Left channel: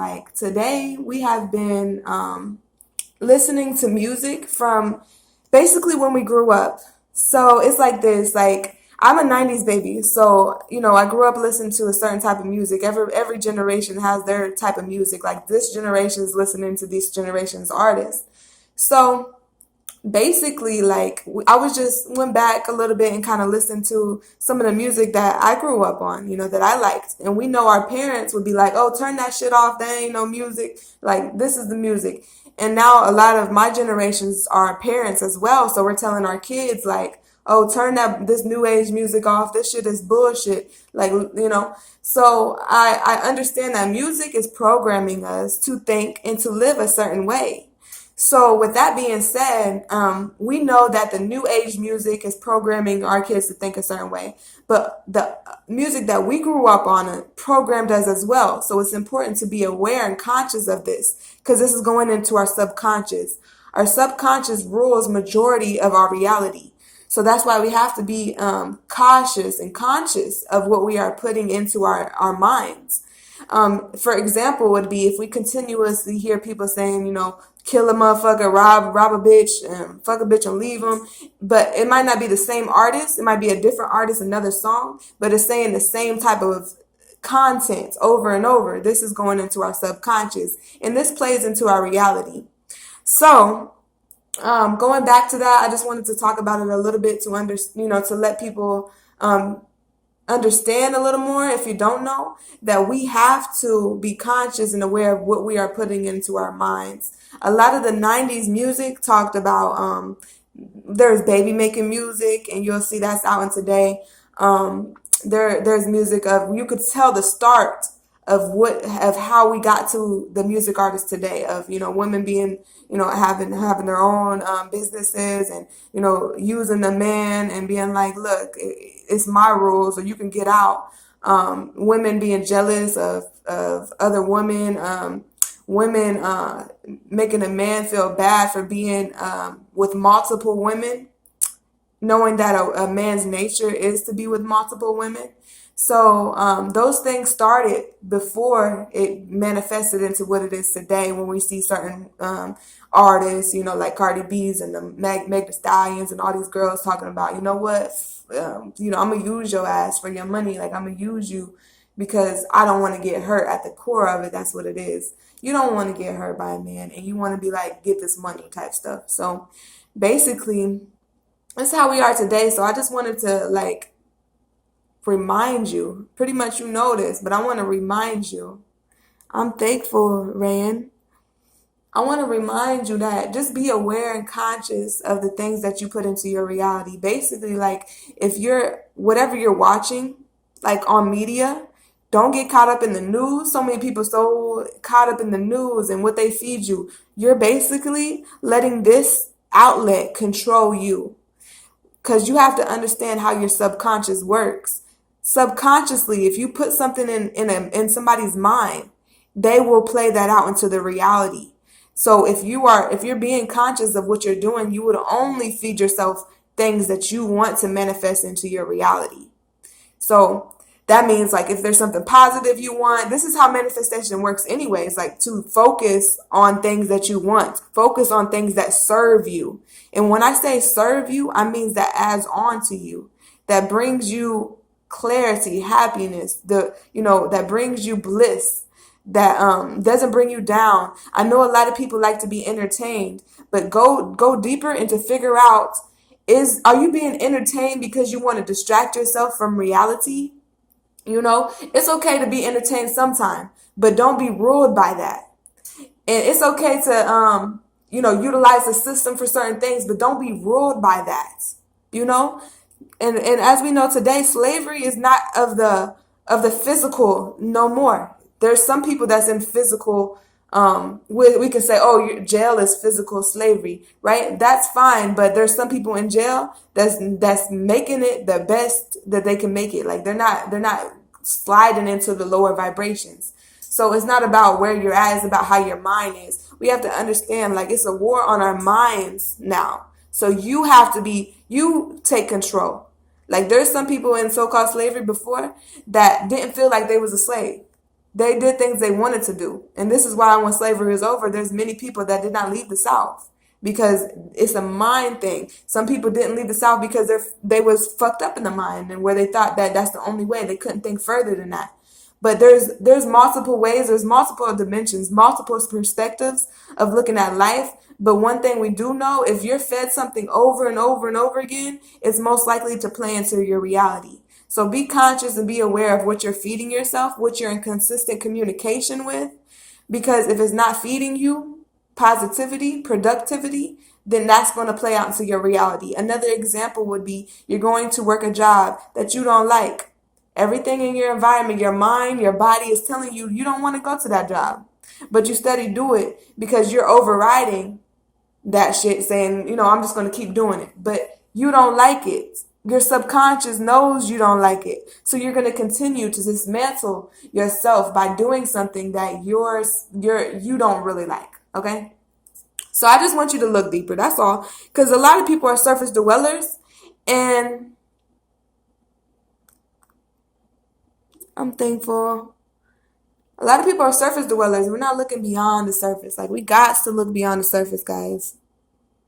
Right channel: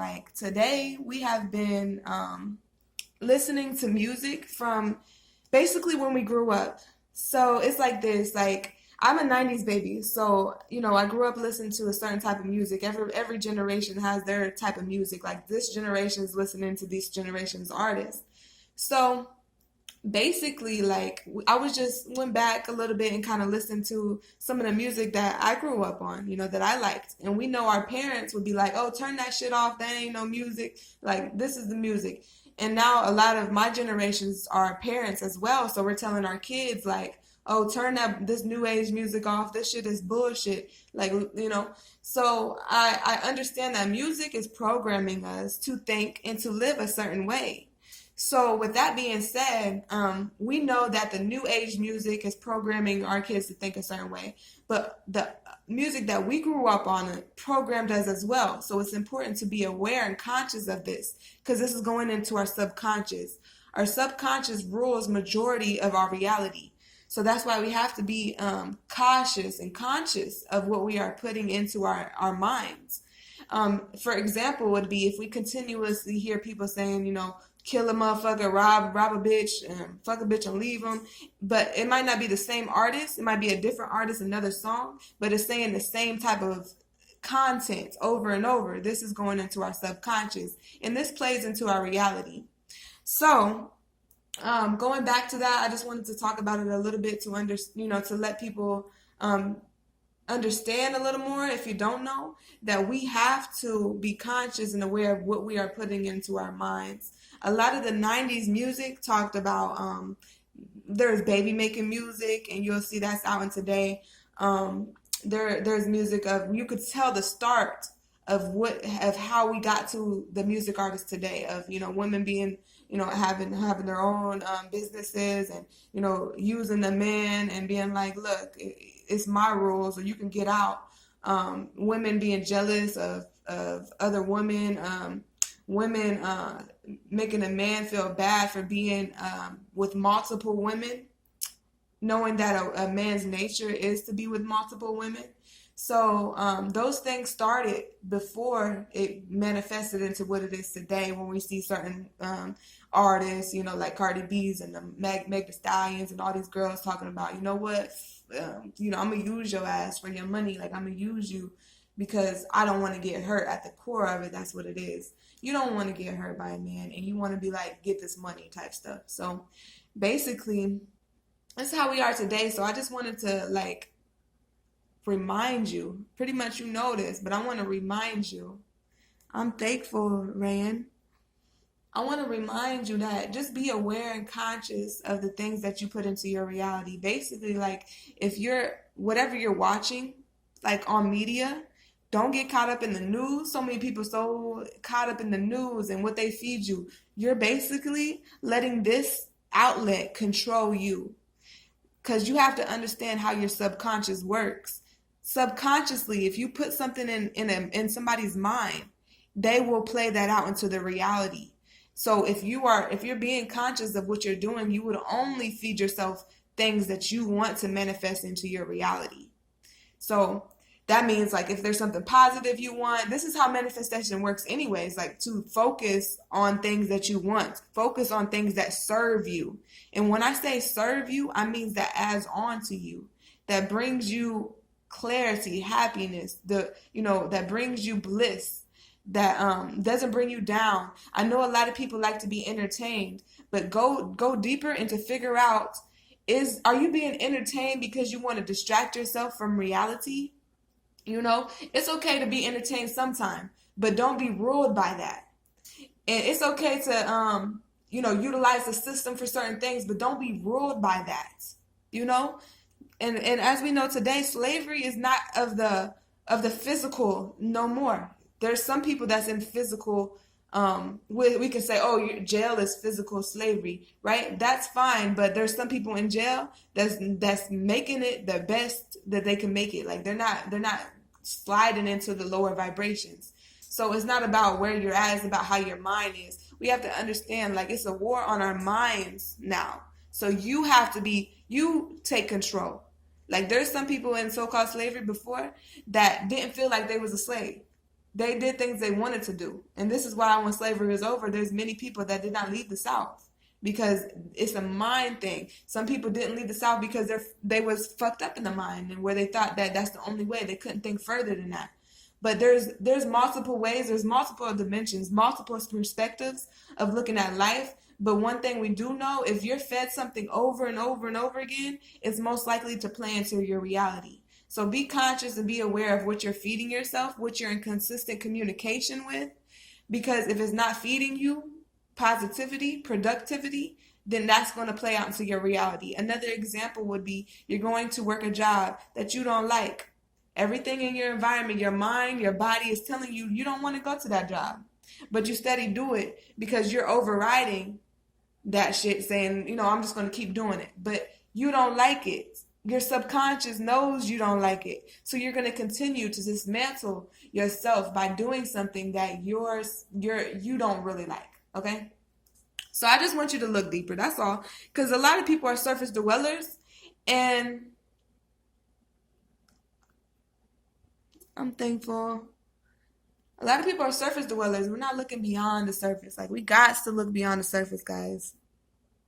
Like today, we have been listening to music from basically when we grew up. So it's like this, like I'm a 90s baby. So, I grew up listening to a certain type of music. Every generation has their type of music. Like this generation is listening to this generation's artists. So basically, like I was just went back a little bit and kind of listened to some of the music that I grew up on, that I liked. And we know our parents would be like, "Oh, turn that shit off. That ain't no music. Like this is the music." And now a lot of my generations are parents as well, so we're telling our kids like, "Oh, turn this new age music off. This shit is bullshit." Like, So I understand that music is programming us to think and to live a certain way. So, with that being said, we know that the new age music is programming our kids to think a certain way, but the music that we grew up on programmed us as well. So, it's important to be aware and conscious of this because this is going into our subconscious. Our subconscious rules majority of our reality. So that's why we have to be cautious and conscious of what we are putting into our minds. For example, would be if we continuously hear people saying, kill a motherfucker, rob a bitch, and fuck a bitch and leave them. But it might not be the same artist. It might be a different artist, another song, but it's saying the same type of content over and over. This is going into our subconscious, and this plays into our reality. So, going back to that, I just wanted to talk about it a little bit to let people understand a little more if you don't know that we have to be conscious and aware of what we are putting into our minds. A lot of the 90s music talked about there's baby making music, and you'll see that's out in today. There's music of you could tell the start of how we got to the music artists today of women being having their own businesses and using the man and being like, look, it's my rules or you can get out. Women being jealous of other women, women making a man feel bad for being with multiple women, knowing that a man's nature is to be with multiple women. So those things started before it manifested into what it is today when we see certain artists, like Cardi B's and the Meg Thee Stallions and all these girls talking about, you know what, I'm going to use your ass for your money. Like, I'm going to use you because I don't want to get hurt. At the core of it, that's what it is. You don't want to get hurt by a man and you want to be like, get this money type stuff. So basically, that's how we are today. So I just wanted to remind you, pretty much you know this, but I want to remind you. I'm thankful, Rand. I want to remind you that just be aware and conscious of the things that you put into your reality. Basically, like if whatever you're watching, like on media, don't get caught up in the news. So many people so caught up in the news and what they feed you. You're basically letting this outlet control you because you have to understand how your subconscious works. Subconsciously, if you put something in somebody's mind, they will play that out into the reality. So if you're being conscious of what you're doing, you would only feed yourself things that you want to manifest into your reality. So that means like if there's something positive you want, this is how manifestation works anyways, like to focus on things that you want, focus on things that serve you. And when I say serve you, I mean that adds on to you, that brings you clarity, happiness, that brings you bliss, that doesn't bring you down. I know a lot of people like to be entertained, but go deeper and to figure out are you being entertained because you want to distract yourself from reality? It's okay to be entertained sometime, but don't be ruled by that. And it's okay to utilize the system for certain things, but don't be ruled by that. And as we know today, slavery is not of the physical no more. There's some people that's in physical. We can say, oh, jail is physical slavery, right? That's fine, but there's some people in jail that's making it the best that they can make it. Like they're not sliding into the lower vibrations. So it's not about where you're at; it's about how your mind is. We have to understand, like it's a war on our minds now. So you take control. Like there's some people in so-called slavery before that didn't feel like they was a slave. They did things they wanted to do. And this is why when slavery is over, there's many people that did not leave the South because it's a mind thing. Some people didn't leave the South because they was fucked up in the mind and where they thought that that's the only way. They couldn't think further than that. But there's multiple ways, there's multiple dimensions, multiple perspectives of looking at life. But one thing we do know, if you're fed something over and over and over again, it's most likely to play into your reality. So be conscious and be aware of what you're feeding yourself, what you're in consistent communication with, because if it's not feeding you positivity, productivity, then that's going to play out into your reality. Another example would be you're going to work a job that you don't like. Everything in your environment, your mind, your body is telling you you don't want to go to that job, but you steady do it because you're overriding that shit saying, I'm just going to keep doing it, but you don't like it. Your subconscious knows you don't like it. So you're going to continue to dismantle yourself by doing something that you don't really like, okay? So I just want you to look deeper. That's all. Because a lot of people are surface dwellers, and I'm thankful. A lot of people are surface dwellers. We're not looking beyond the surface. Like, we got to look beyond the surface, guys.